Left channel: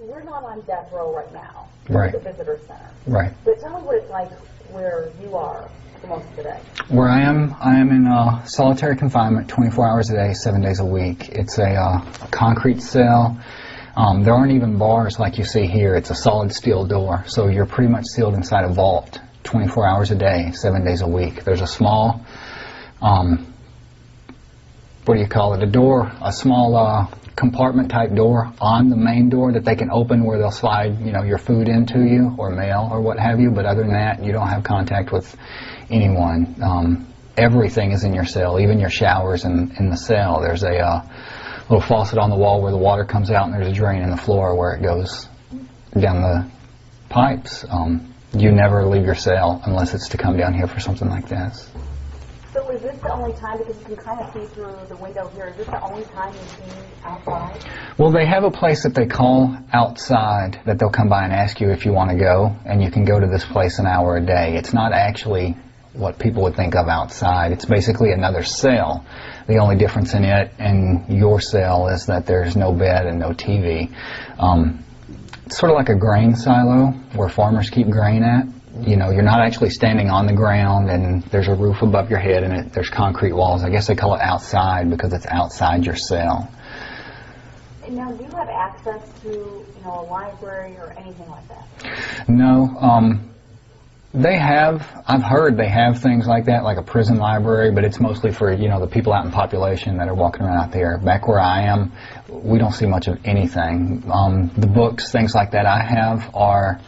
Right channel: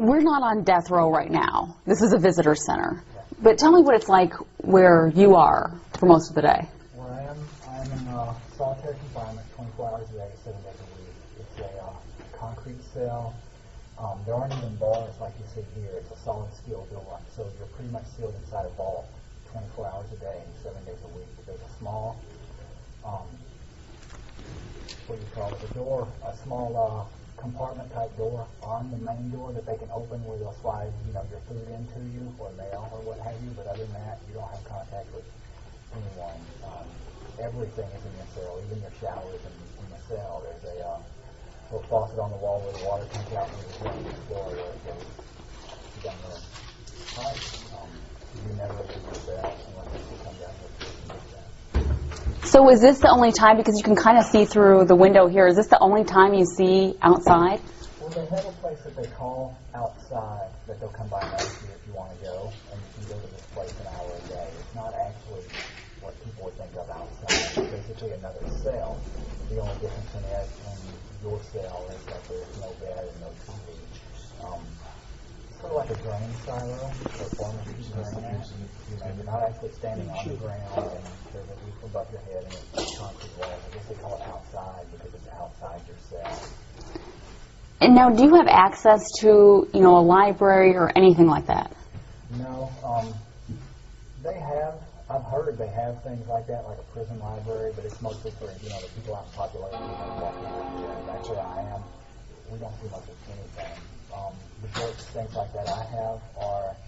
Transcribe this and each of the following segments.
we're not on death row right now. This is a visitor center. Right. But tell me what it's like where you are for most of the day. Where I am in solitary confinement, 24 hours a day, 7 days a week. It's a concrete cell. There aren't even bars like you see here. It's a solid steel door, so you're pretty much sealed inside a vault, 24 hours a day, 7 days a week. There's a small, what do you call it, a small compartment type door on the main door that they can open where they'll slide, you know, your food into you or mail or what have you, but other than that, you don't have contact with anyone. Everything is in your cell, even your showers in the cell. There's a little faucet on the wall where the water comes out, and there's a drain in the floor where it goes down the pipes. You never leave your cell unless it's to come down here for something like this. So is this the only time, because you can kind of see through the window here, is this the only time you see outside? Well, they have a place that they call outside that they'll come by and ask you if you want to go, and you can go to this place an hour a day. It's not actually what people would think of outside. It's basically another cell. The only difference in it and your cell is that there's no bed and no TV. It's sort of like a grain silo where farmers keep grain at. You know, you're not actually standing on the ground, and there's a roof above your head, and there's concrete walls. I guess they call it outside because it's outside your cell. And now, do you have access to, you know, a library or anything like that? No. They have, I've heard they have things like that, like a prison library, but it's mostly for, you know, the people out in population that are walking around out there. Back where I am, we don't see much of anything. The books, things like that I have are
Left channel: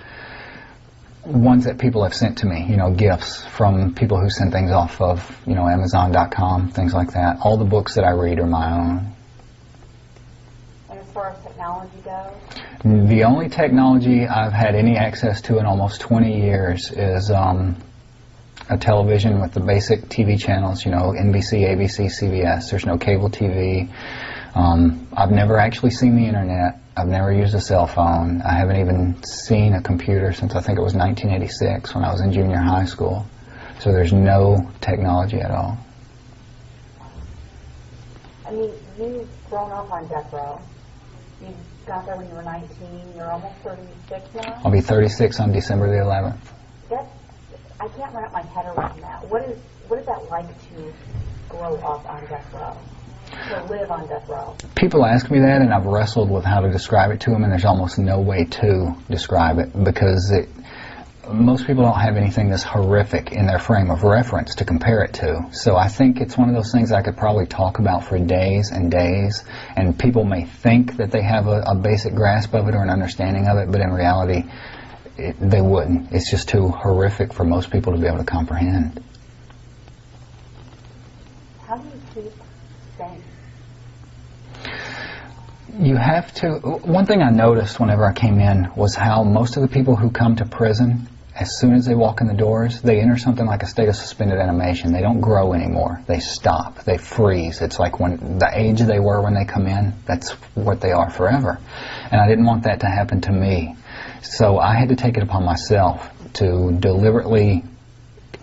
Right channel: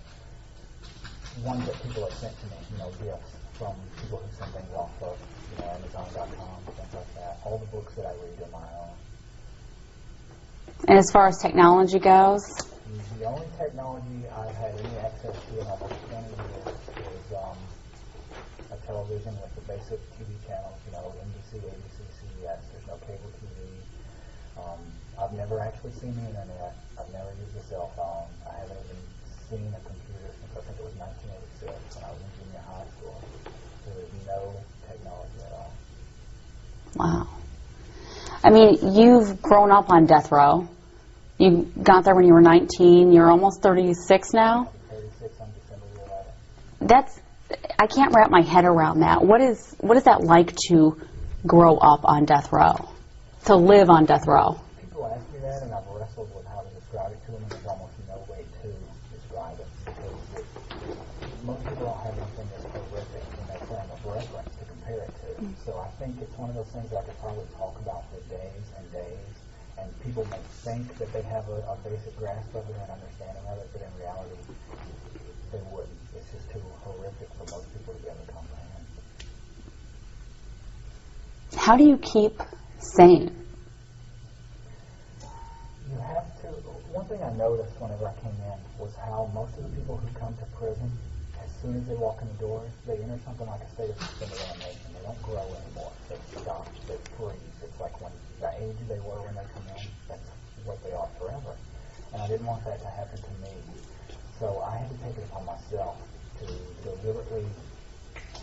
ones that people have sent to me, you know, gifts from people who send things off of, you know, Amazon.com, things like that. All the books that I read are my own. And as far as technology goes? The only technology I've had any access to in almost 20 years is a television with the basic TV channels, you know, NBC, ABC, CBS. There's no cable TV. I've never actually seen the internet. I've never used a cell phone. I haven't even seen a computer since I think it was 1986 when I was in junior high school. So there's no technology at all. Wow. I mean, you've grown up on death row. You got there when you were 19. You're almost 36 now. I'll be 36 on December the 11th. That's, I can't wrap my head around that. What is that like to grow up on death row? To live on death row? People ask me that, and I've wrestled with how to describe it to them, and there's almost no way to describe it because most people don't have anything this horrific in their frame of reference to compare it to. So I think it's one of those things I could probably talk about for days and days, and people may think that they have a basic grasp of it or an understanding of it, but in reality, they wouldn't. It's just too horrific for most people to be able to comprehend. How do you keep sane? You have to. One thing I noticed whenever I came in was how most of the people who come to prison, as soon as they walk in the doors, they enter something like a state of suspended animation. They don't grow anymore. They stop. They freeze. It's like when the age they were when they come in, that's what they are forever. And I didn't want that to happen to me. So I had to take it upon myself to deliberately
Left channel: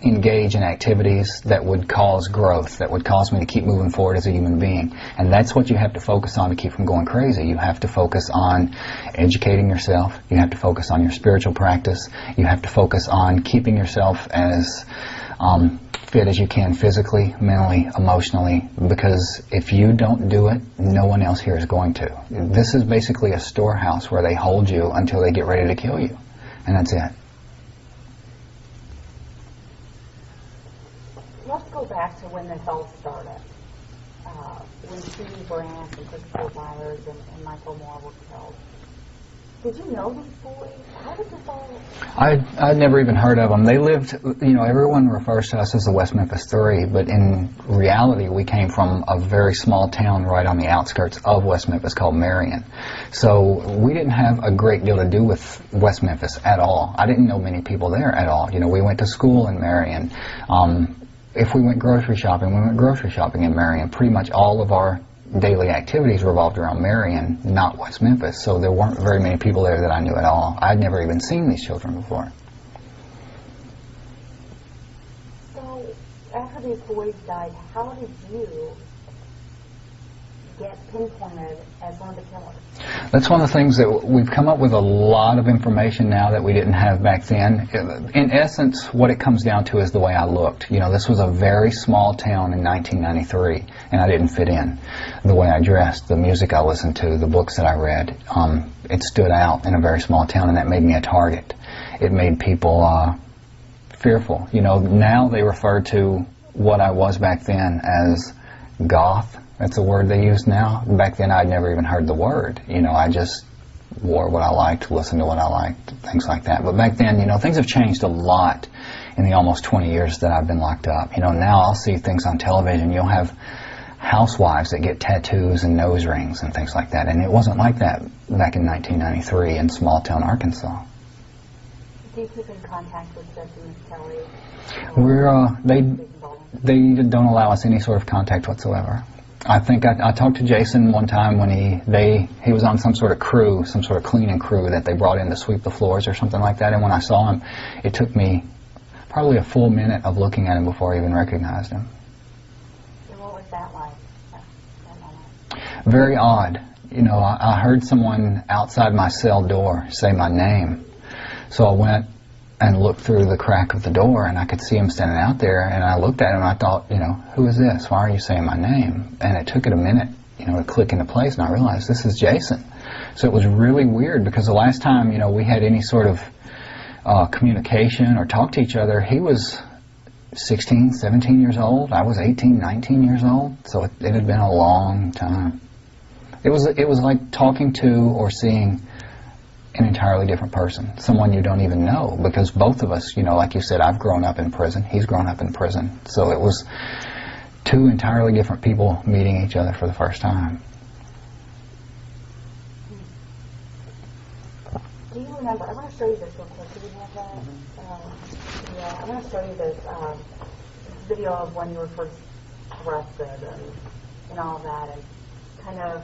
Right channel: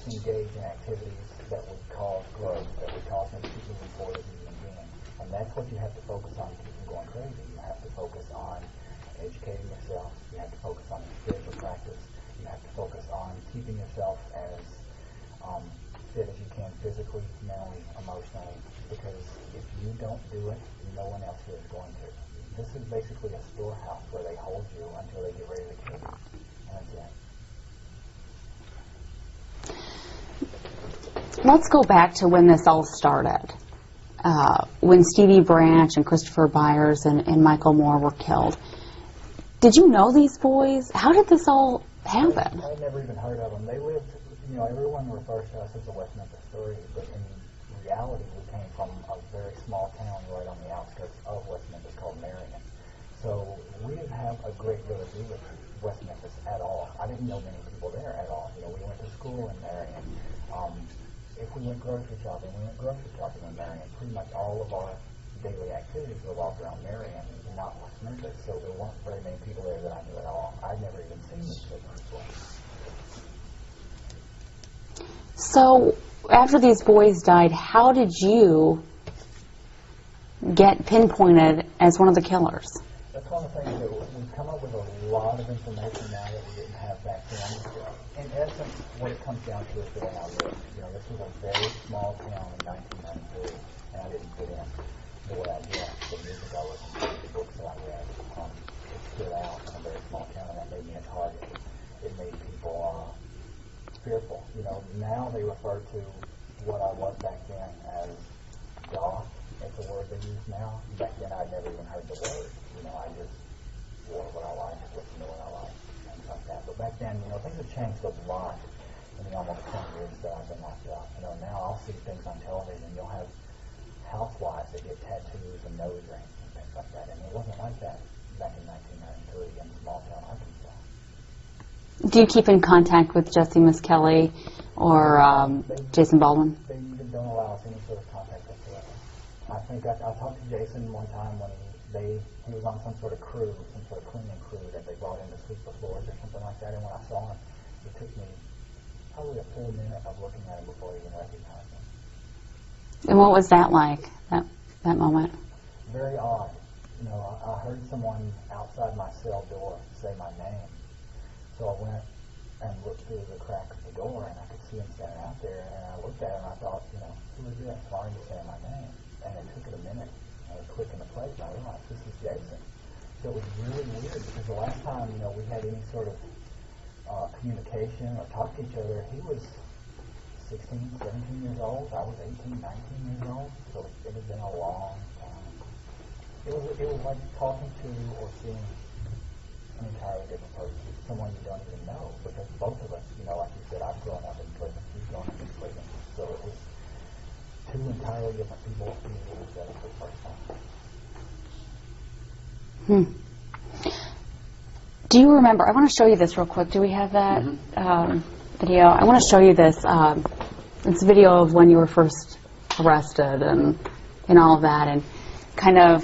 engage in activities that would cause growth, that would cause me to keep moving forward as a human being. And that's what you have to focus on to keep from going crazy. You have to focus on educating yourself. You have to focus on your spiritual practice. You have to focus on keeping yourself as fit as you can physically, mentally, emotionally, because if you don't do it, no one else here is going to. This is basically a storehouse where they hold you until they get ready to kill you. And that's it. Let's go back to when this all started. When Stevie Branch and Christopher Byers and Michael Moore were killed. Did you know these boys? How did this all happen? I'd never even heard of them. They lived, you know, everyone refers to us as the West Memphis Three, but in reality we came from a very small town right on the outskirts of West Memphis called Marion. So we didn't have a great deal to do with West Memphis at all. I didn't know many people there at all. You know, we went to school in Marion. If we went grocery shopping, we went grocery shopping in Marion. Pretty much all of our daily activities revolved around Marion, not West Memphis. So there weren't very many people there that I knew at all. I'd never even seen these children before. So after these boys died, how did you get pinpointed as one of the killers? That's one of the things that we've come up with a lot of information now that we didn't have back then. In essence, what it comes down to is the way I looked. You know, this was a very small town in 1993, and I didn't fit in. The way I dressed, the music I listened to, the books that I read, it stood out in a very small town, and that made me a target. It made people fearful. You know, now they refer to what I was back then as goth. That's a word they use now. Back then, I'd never even heard the word. You know, I just wore what I liked, listened to what I liked, things like that. But back then, you know, things have changed a lot in the almost 20 years that I've been locked up. You know, now I'll see things on television. You'll have housewives that get tattoos and nose rings and things like that. And it wasn't like that back in 1993 in small-town Arkansas. Do you keep in contact with Jesse Misskelley or Jason Baldwin? They don't allow us any sort of contact whatsoever. I think I talked to Jason one time when he was on some sort of crew, some sort of cleaning crew that they brought in to sweep the floors or something like that. And when I saw him, it took me probably a full minute of looking at him before I even recognized him. And what was that like, that moment? Very odd. You know, I heard someone outside my cell door say my name. So I went and looked through the crack of the door, and I could see him standing out there, and I looked at him, and I thought, you know, who is this? Why are you saying my name? And it took it a minute, you know, to click into place, and I realized this is Jason. So it was really weird, because the last time, you know, we had any sort of communication or talked to each other, he was 16, 17 years old. I was 18, 19 years old, so it had been a long time. It was like talking to or seeing an entirely different person, someone you don't even know, because both of us, you know, like you said, I've grown up in prison, he's grown up in prison, so it was two entirely different people meeting each other for the first time. Do you remember, I want to show you this real quick, do we have that video? I want to show you this, it's a video of when you were first arrested and all of that, and kind of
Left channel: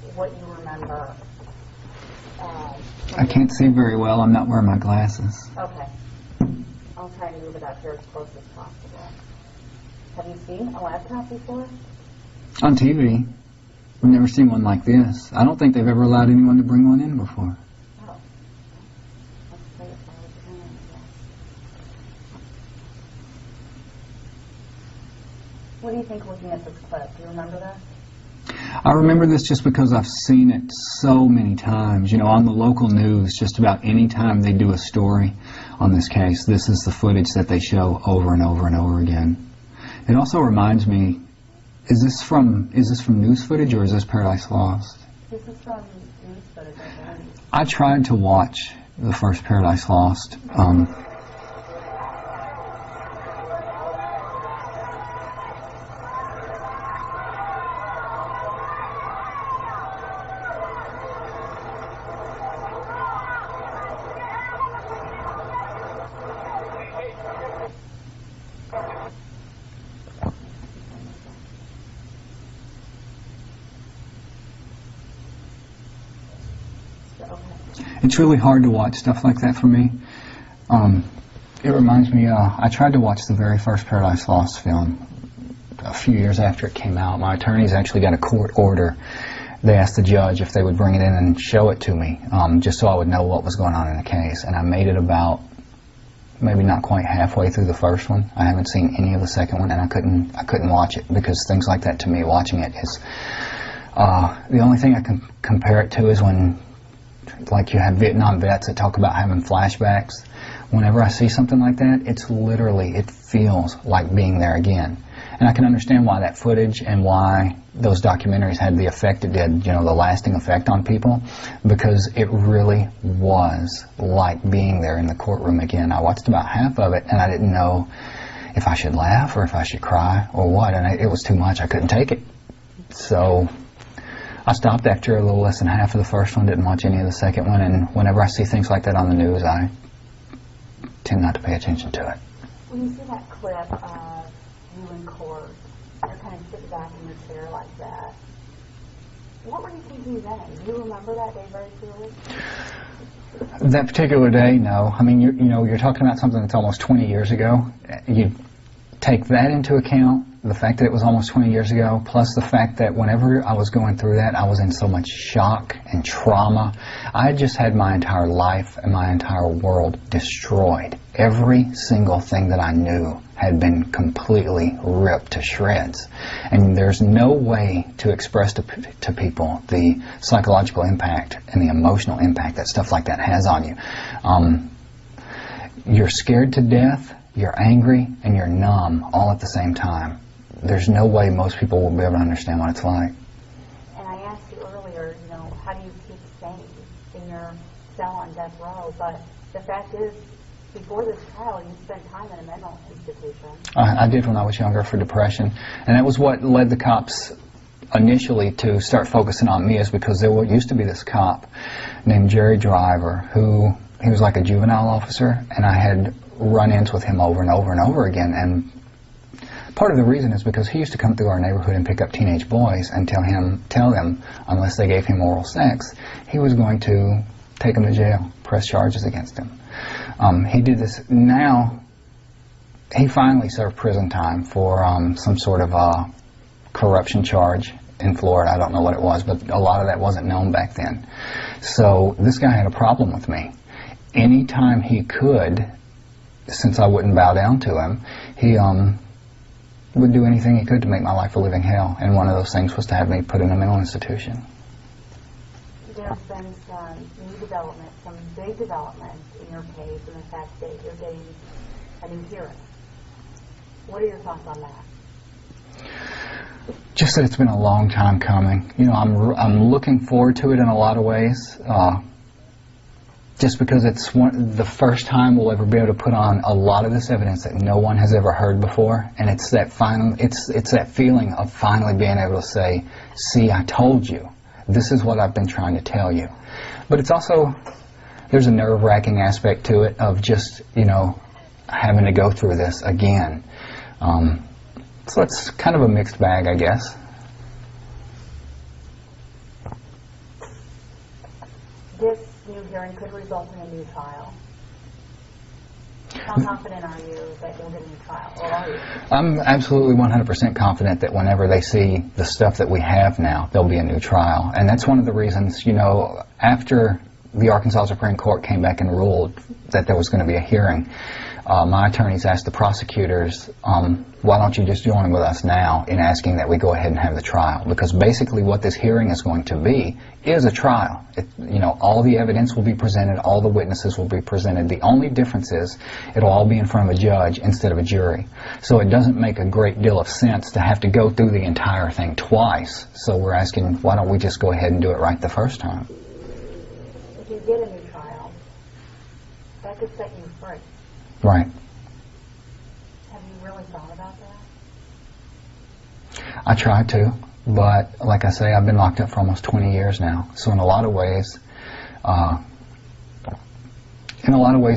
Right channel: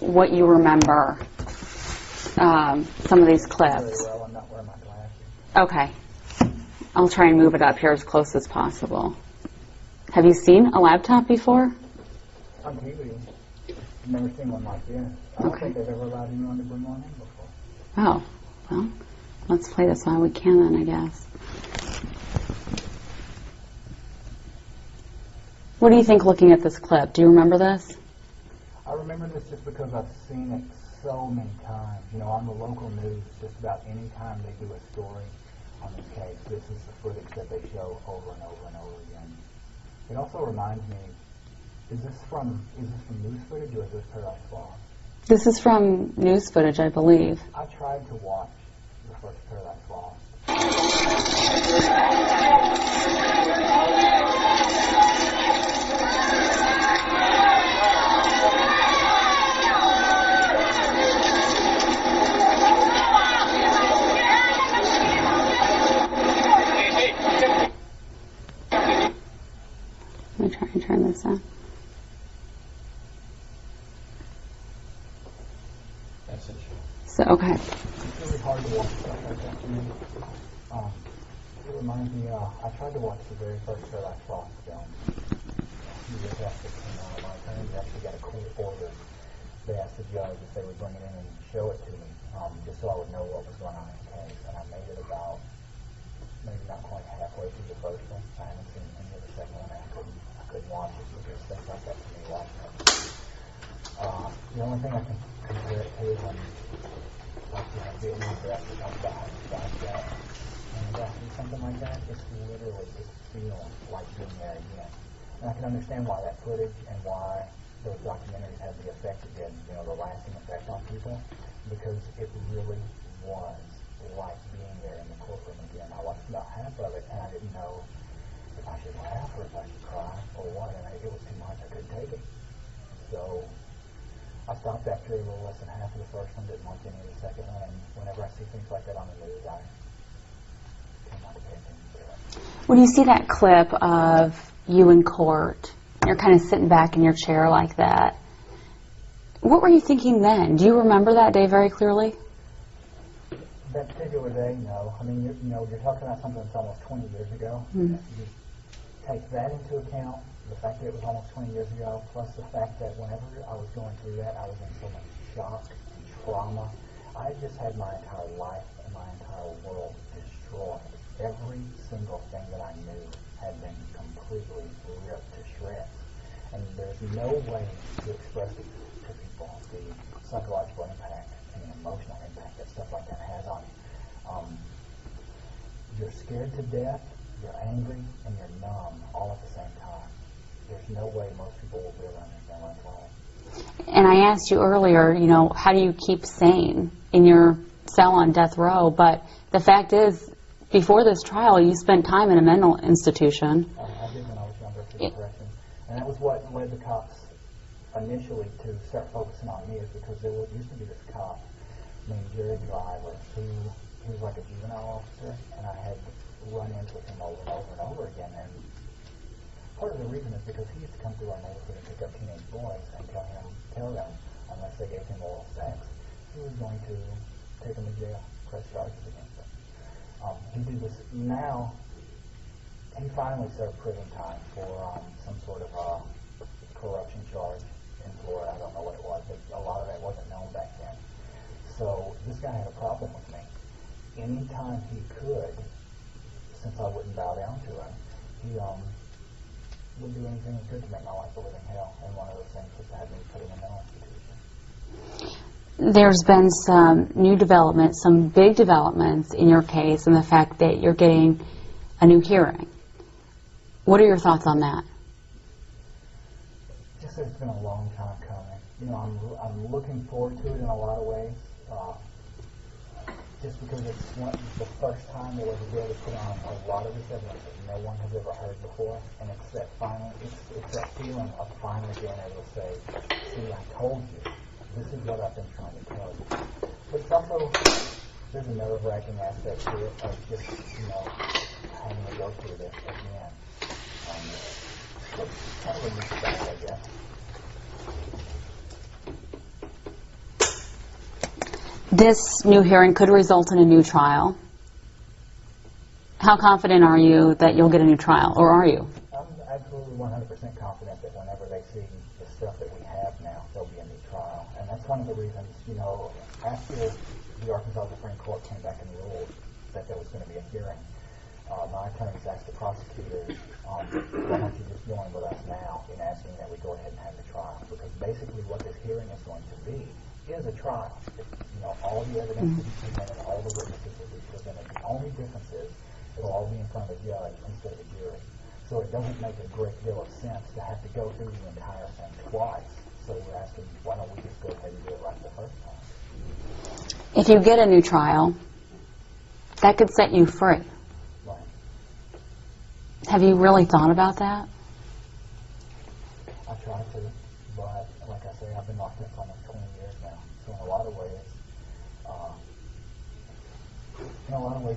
what you remember. Some of these clips. I can't see very well. I'm not wearing my glasses. Okay. I'll try and move it up here as close as possible. Have you seen a laptop before? On TV. I've never seen one like this. I don't think they've ever allowed anyone to bring one in before. Oh. Well, let's play this while we can then, I guess. What do you think looking at this clip? Do you remember this? I remember this just because I've seen it so many times. You know, on the local news, just about any time they do a story on this case, this is the footage that they show over and over and over again. It also reminds me, is this from news footage or is this Paradise Lost? This is from news footage, I believe. I tried to watch the first Paradise Lost. Let me try and turn this up. So, okay. It's really hard to watch stuff like that for me. It reminds me, I tried to watch the very first Paradise Lost film a few years after it came out. My attorneys actually got a court order. They asked the judge if they would bring it in and show it to me, just so I would know what was going on in the case. And I made it about maybe not quite halfway through the first one. I haven't seen any of the second one, and I couldn't watch it, because things like that, to me, watching it is the only thing I can compare it to is when, like, you have Vietnam vets that talk about having flashbacks. Whenever I see something like that, it's literally, it feels like being there again. And I can understand why that footage and why those documentaries had the effect it did, you know, the lasting effect on people, because it really was like being there in the courtroom again. I watched about half of it, and I didn't know if I should laugh or if I should cry or what, and it was too much. I couldn't take it. So I stopped after a little less than half of the first one, didn't watch any of the second one, and whenever I see things like that on the news, I tend not to pay attention to it. When you see that clip of you in court, you're kind of sitting back in your chair like that, what were you thinking then? Do you remember that day very clearly? That particular day, no. I mean, you're talking about something that's almost 20 years ago. Mm-hmm. take that into account, the fact that it was almost 20 years ago, plus the fact that whenever I was going through that, I was in so much shock and trauma. I had just had my entire life and my entire world destroyed. Every single thing that I knew had been completely ripped to shreds. And there's no way to express to people the psychological impact and the emotional impact that stuff like that has on you. You're scared to death, you're angry, and you're numb all at the same time. There's no way most people will be able to understand what it's like. And I asked you earlier, you know, how do you keep sane in your cell on death row? But the fact is, before this trial, you spent time in a mental institution. I did when I was younger for depression. And that was what led the cops initially to start focusing on me, is because there used to be this cop named Jerry Driver who, he was like a juvenile officer, and I had run-ins with him over and over and over again. And part of the reason is because he used to come through our neighborhood and pick up teenage boys and tell them, unless they gave him oral sex, he was going to take them to jail, press charges against them. He did this. Now, he finally served prison time for some sort of corruption charge in Florida. I don't know what it was, but a lot of that wasn't known back then. So this guy had a problem with me. Anytime he could, since I wouldn't bow down to him, he would do anything he could to make my life a living hell. And one of those things was to have me put in a mental institution. There's been some new developments, some big developments in your case, and the fact that you're getting a new hearing. What are your thoughts on that? Just that it's been a long time coming. You know, I'm looking forward to it in a lot of ways. Just because it's the first time we'll ever be able to put on a lot of this evidence that no one has ever heard before, and it's that it's that feeling of finally being able to say, "See, I told you. This is what I've been trying to tell you." But it's also, there's a nerve-wracking aspect to it of just, you know, having to go through this again. So it's kind of a mixed bag, I guess. This new hearing could result in a new trial. How confident are you that you'll get a new trial, or are you? I'm absolutely 100% confident that whenever they see the stuff that we have now, there'll be a new trial. And that's one of the reasons, you know, after the Arkansas Supreme Court came back and ruled that there was going to be a hearing, my attorneys asked the prosecutors, why don't you just join with us now in asking that we go ahead and have the trial? Because basically what this hearing is going to be is a trial. You know, all the evidence will be presented, all the witnesses will be presented. The only difference is it'll all be in front of a judge instead of a jury. So it doesn't make a great deal of sense to have to go through the entire thing twice. So we're asking, why don't we just go ahead and do it right the first time? If you get a new trial, that could set you free. Right. Have you really thought about that? I try to, but like I say, I've been locked up for almost 20 years now. So in a lot of ways,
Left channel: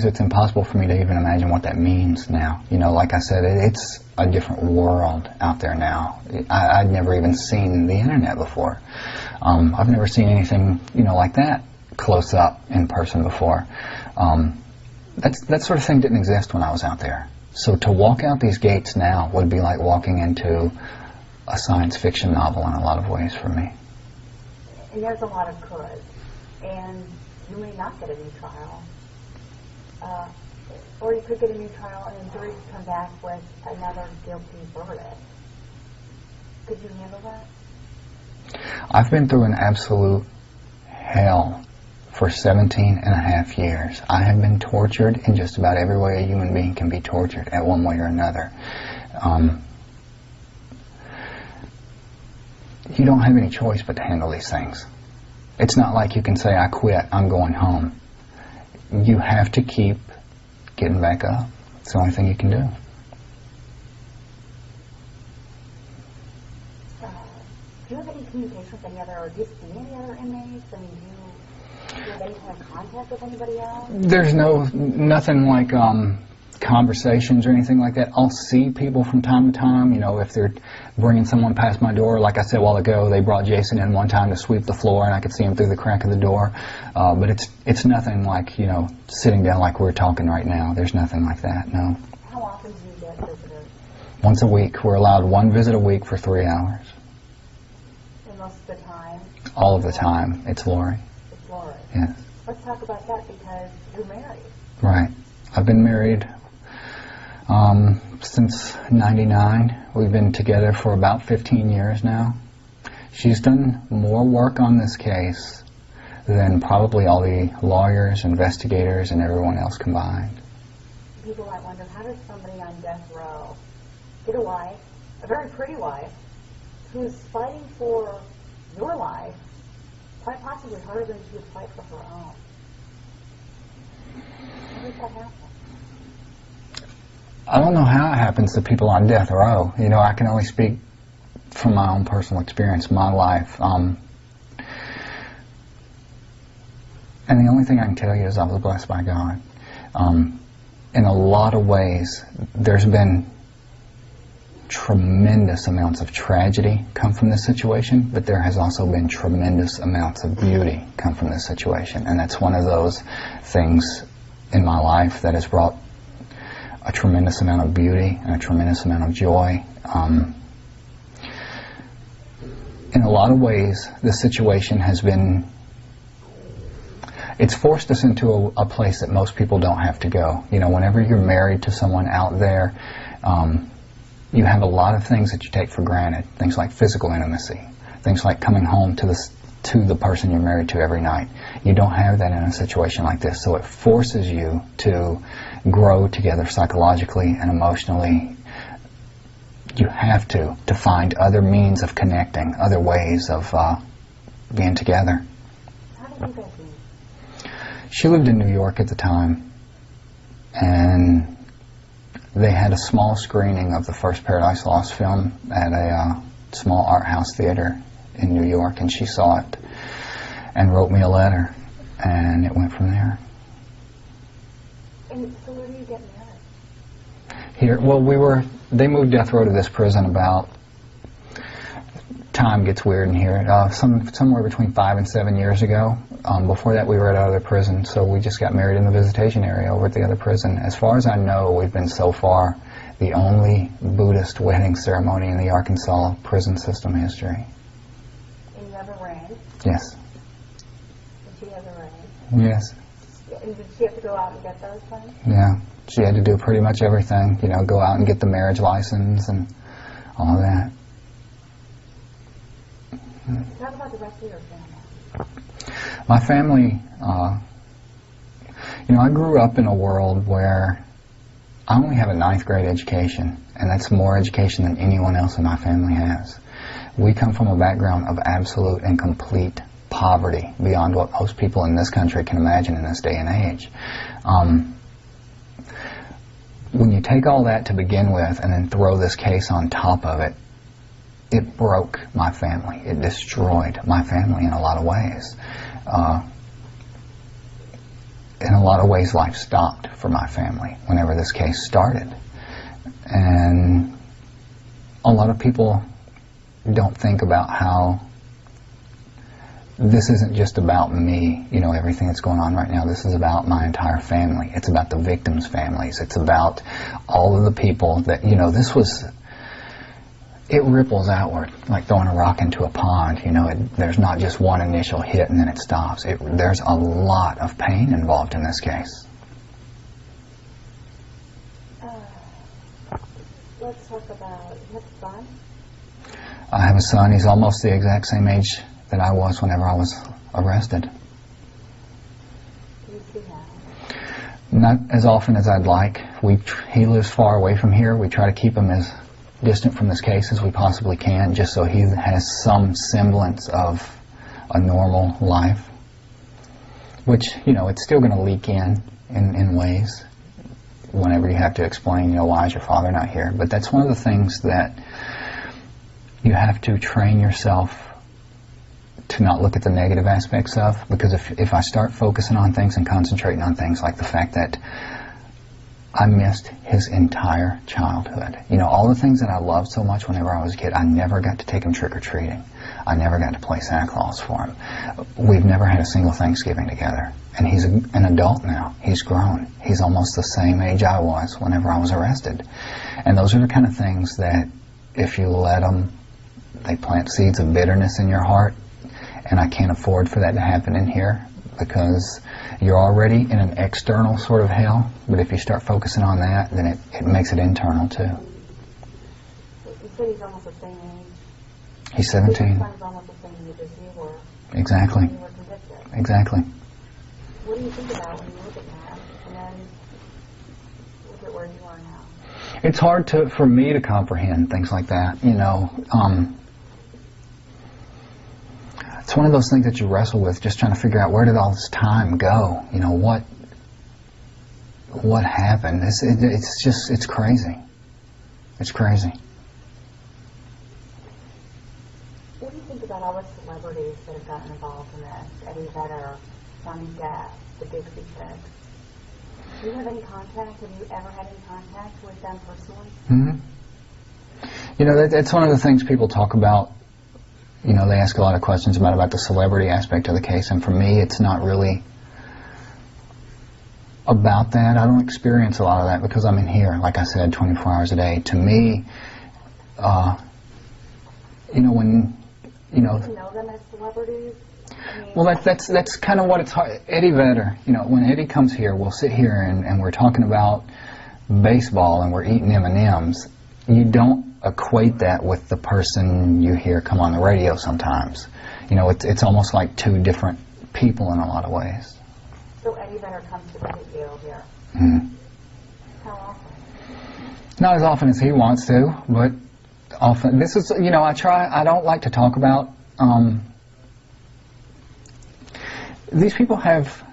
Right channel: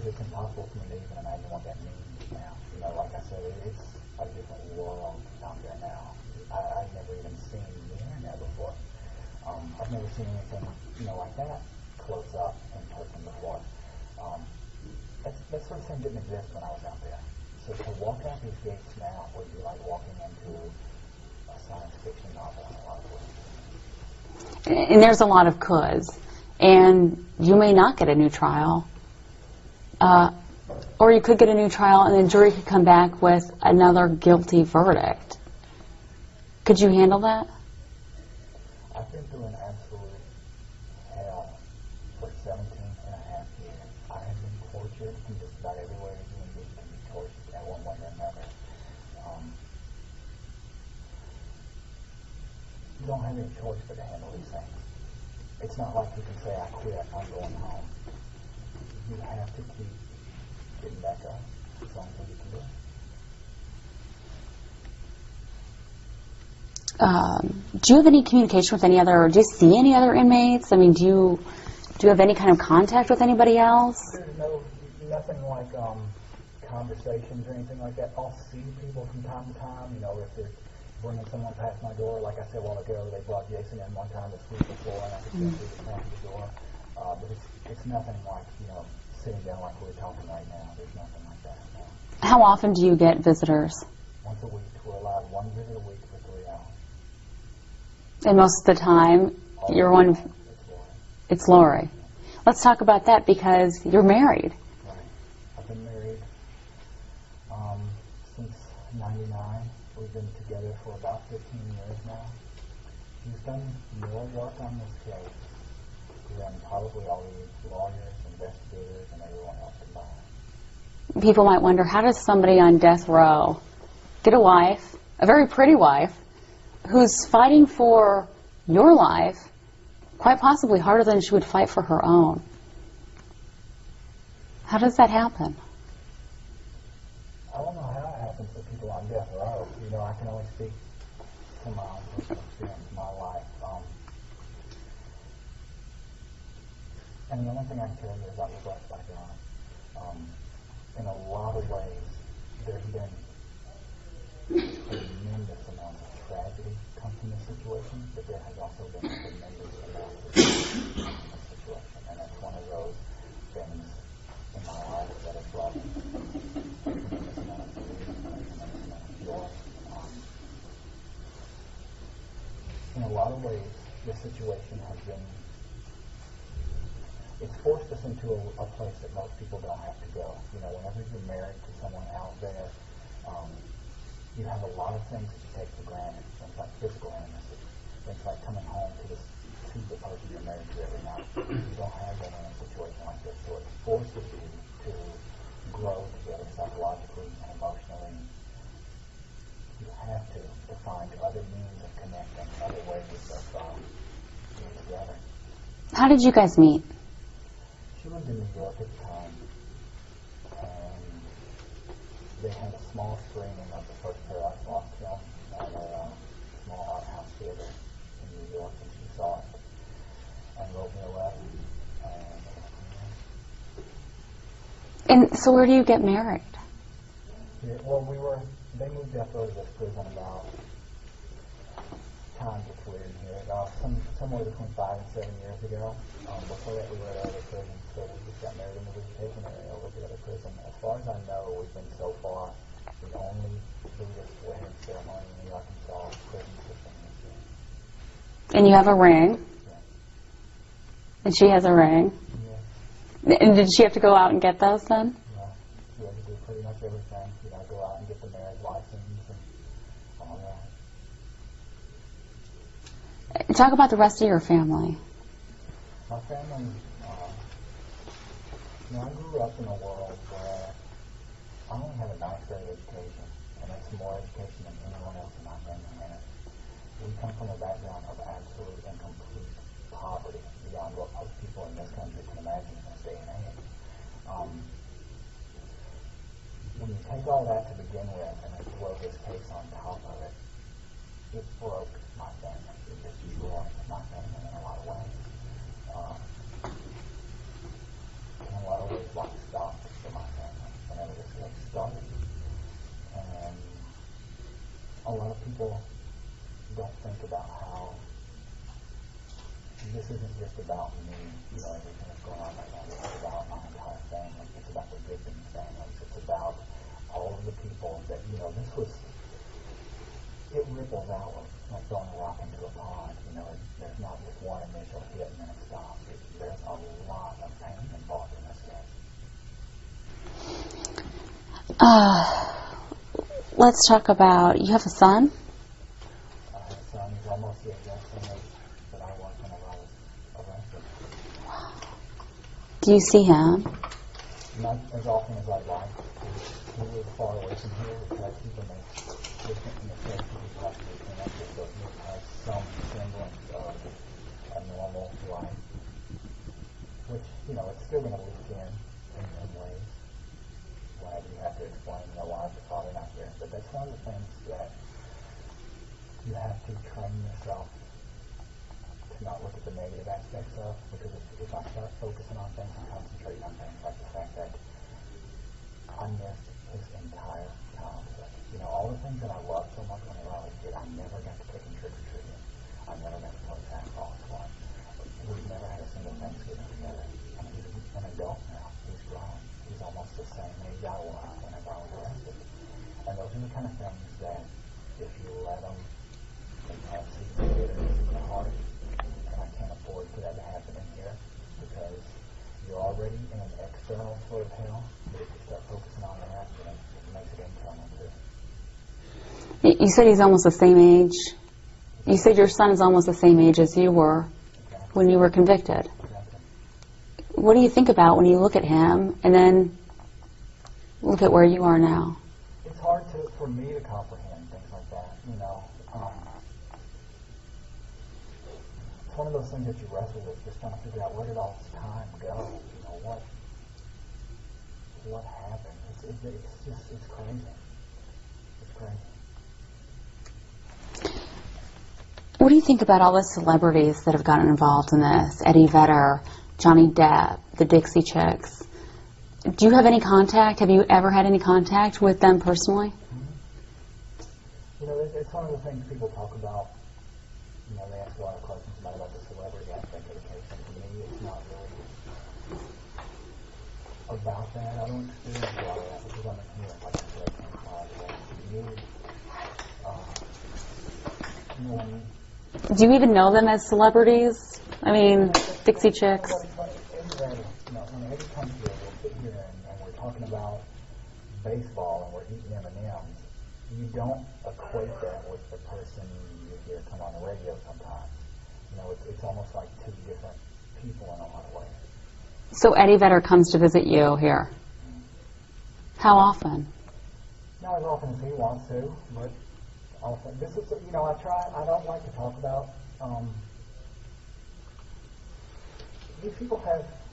it's impossible for me to even imagine what that means now. You know, like I said, it's a different world out there now. I'd never even seen the internet before. I've never seen anything, you know, like that close up in person before. That sort of thing didn't exist when I was out there. So to walk out these gates now would be like walking into a science fiction novel in a lot of ways for me. And there's a lot of coulds. And you may not get a new trial. Or you could get a new trial and the jury could come back with another guilty verdict. Could you handle that? I've been through an absolute hell for 17 and a half years. I have been tortured in just about every way a human being can be tortured at one way or another. You don't have any choice but to handle these things. It's not like you can say, I quit, I'm going home. You have to keep getting back up. It's the only thing you can do. Do you have any communication with any other, or do you see any other inmates? I mean, do you have any kind of contact with anybody else? There's nothing like conversations or anything like that. I'll see people from time to time, you know, if they're bringing someone past my door. Like I said a while ago, they brought Jason in one time to sweep the floor, and I could see him through the crack of the door. But it's nothing like, you know, sitting down like we're talking right now. There's nothing like that, no. How often do you get visitors? Once a week. We're allowed one visit a week for 3 hours. And most of the time, All of the time, it's Lori. It's Lori. Yeah. Let's talk about that because you're married. Right. I've been married since '99. We've been together for about 15 years now. She's done more work on this case than probably all the lawyers, investigators, and everyone else combined. People might wonder, how does somebody on death row get a wife, a very pretty wife, who's fighting for your life, quite possibly harder than she would fight for her own? How does that happen? I don't know how it happens to people on death row. You know, I can only speak from my own personal experience, my life. And the only thing I can tell you is I was blessed by God. In a lot of ways, there's been tremendous amounts of tragedy come from this situation, but there has also been tremendous amounts of beauty come from this situation. And that's one of those things in my life that has brought a tremendous amount of beauty and a tremendous amount of joy. In a lot of ways, this situation has been, it's forced us into a place that most people don't have to go. You know, whenever you're married to someone out there, you have a lot of things that you take for granted. Things like physical intimacy, things like coming home to the person you're married to every night. You don't have that in a situation like this, so it forces you to grow together psychologically and emotionally. You have to find other means of connecting, other ways of being together. How did you guys meet? She lived in New York at the time, and they had a small screening of the first Paradise Lost film at a small art house theater in New York, and she saw it and wrote me a letter, and it went from there. And so where do you get married? Here, well, they moved death row to this prison about, time gets weird in here, somewhere between 5 and 7 years ago. Before that, we were at another prison, so we just got married in the visitation area over at the other prison. As far as I know, we've been so far the only Buddhist wedding ceremony in the Arkansas prison system history. And you have a ring. Yes. And she has a ring. Yes. And did she have to go out and get those then? Yeah. She had to do pretty much everything, you know, go out and get the marriage license and all of that. Talk about the rest of your family. My family, you know, I grew up in a world where I only have a 9th grade education, and that's more education than anyone else in my family has. We come from a background of absolute and complete poverty beyond what most people in this country can imagine in this day and age. When you take all that to begin with and then throw this case on top of it, it broke my family. It destroyed my family in a lot of ways. In a lot of ways, life stopped for my family whenever this case started. And a lot of people don't think about how this isn't just about me, you know, everything that's going on right now. This is about my entire family. It's about the victims' families. It's about all of the people that, you know, it ripples outward like throwing a rock into a pond. You know, there's not just one initial hit and then it stops. There's a lot of pain involved in this case. Let's talk about, you have a son? I have a son. He's almost the exact same age that I was whenever I was arrested. Do you see him? Not as often as I'd like. He lives far away from here. We try to keep him as distant from this case as we possibly can, just so he has some semblance of a normal life, which, you know, it's still going to leak in ways whenever you have to explain, you know, why is your father not here. But that's one of the things that you have to train yourself to not look at the negative aspects of, because if I start focusing on things and concentrating on things like the fact that I missed his entire childhood. You know, all the things that I loved so much whenever I was a kid, I never got to take him trick-or-treating. I never got to play Santa Claus for him. We've never had a single Thanksgiving together. And he's an adult now. He's grown. He's almost the same age I was whenever I was arrested. And those are the kind of things that, if you let them, they plant seeds of bitterness in your heart. And I can't afford for that to happen in here, because you're already in an external sort of hell, but if you start focusing on that, then it makes it internal too. You said he's almost the same age. He's 17. You said your son is almost the same age as you were. Exactly. When you were convicted. Exactly. What do you think about when you look at him and then look at where you are now? It's hard for me to comprehend things like that, you know. It's one of those things that you wrestle with, just trying to figure out, where did all this time go? You know, what happened? It's crazy. It's crazy. What do you think about all the celebrities that have gotten involved in this? Eddie Vedder, Johnny Depp, the Dixie Chicks. Do you have any contact? Have you ever had any contact with them personally? Mm-hmm. You know, that's one of the things people talk about. You know, they ask a lot of questions about the celebrity aspect of the case, and for me, it's not really about that. I don't experience a lot of that because I'm in here, like I said, 24 hours a day. To me, you know, when... Do you even know them as celebrities? I mean, well, that's kind of what it's hard. Eddie Vedder, you know, when Eddie comes here, we'll sit here and we're talking about baseball and we're eating M&Ms. You don't equate that with the person you hear come on the radio sometimes. You know, it's almost like two different people in a lot of ways. So Eddie Vedder comes to visit you here? Mm-hmm. How often? Not as often as he wants to, but often. This is, you know, I don't like to talk about, these people have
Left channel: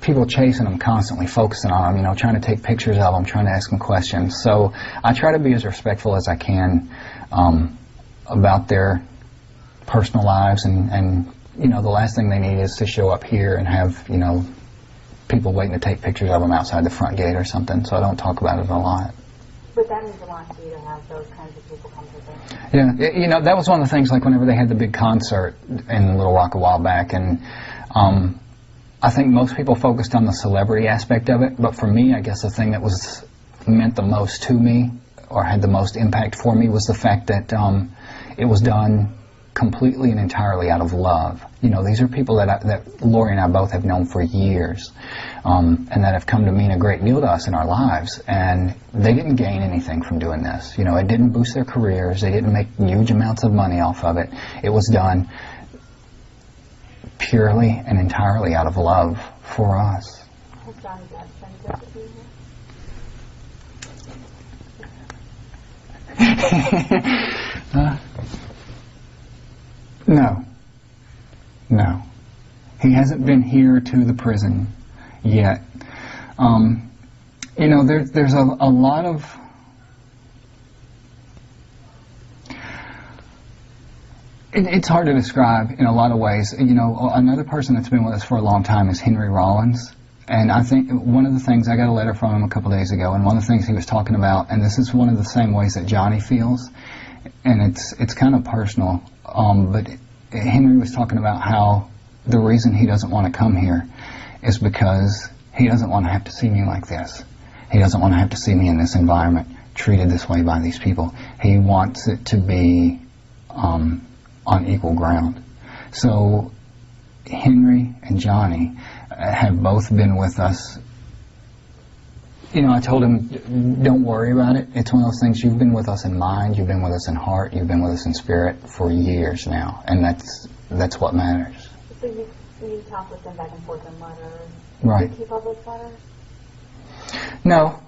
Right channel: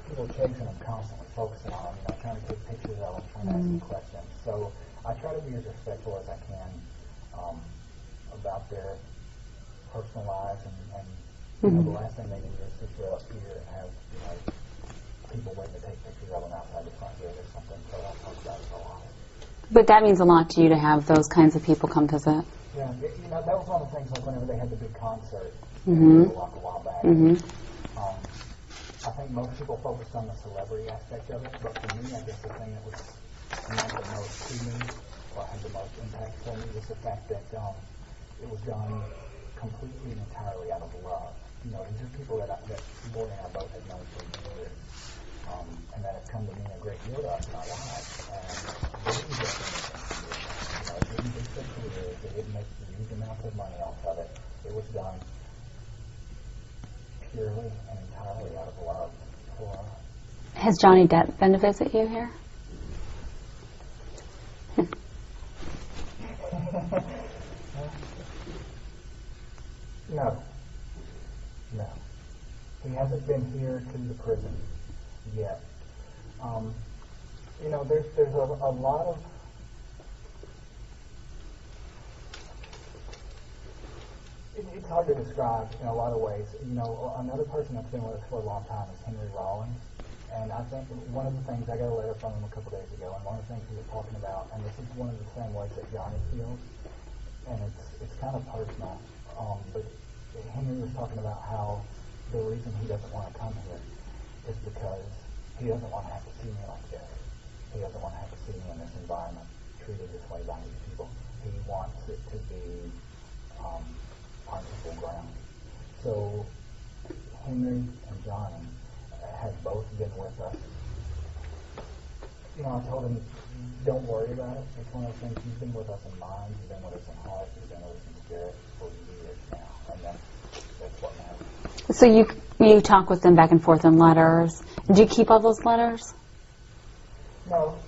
people chasing them constantly, focusing on them, you know, trying to take pictures of them, trying to ask them questions. So I try to be as respectful as I can about their personal lives, and you know, the last thing they need is to show up here and have, you know, people waiting to take pictures of them outside the front gate or something, so I don't talk about it a lot. But that means a lot to you to have those kinds of people come visit. Yeah, you know, that was one of the things, like whenever they had the big concert in Little Rock a while back, and I think most people focused on the celebrity aspect of it, but for me, I guess the thing that meant the most to me, or had the most impact for me, was the fact that it was done completely and entirely out of love. You know, these are people that Lori and I both have known for years, and that have come to mean a great deal to us in our lives, and they didn't gain anything from doing this. You know, it didn't boost their careers, they didn't make huge amounts of money off of it. It was done purely and entirely out of love for us. Has Johnny Depp been to visit you here? No. He hasn't been here to the prison yet. You know, there's a lot of... It's hard to describe in a lot of ways. You know, another person that's been with us for a long time is Henry Rollins. And I think one of the things, I got a letter from him a couple days ago, and one of the things he was talking about, and this is one of the same ways that Johnny feels, and it's kind of personal, but Henry was talking about how the reason he doesn't want to come here is because he doesn't want to have to see me like this. He doesn't want to have to see me in this environment, treated this way by these people. He wants it to be on equal ground. So Henry and Johnny have both been with us. You know, I told him, don't worry about it. It's one of those things, you've been with us in mind, you've been with us in heart, you've been with us in spirit for years now, and that's what matters. So you talk with them back and forth in letters. Right. Did you keep all those letters? No.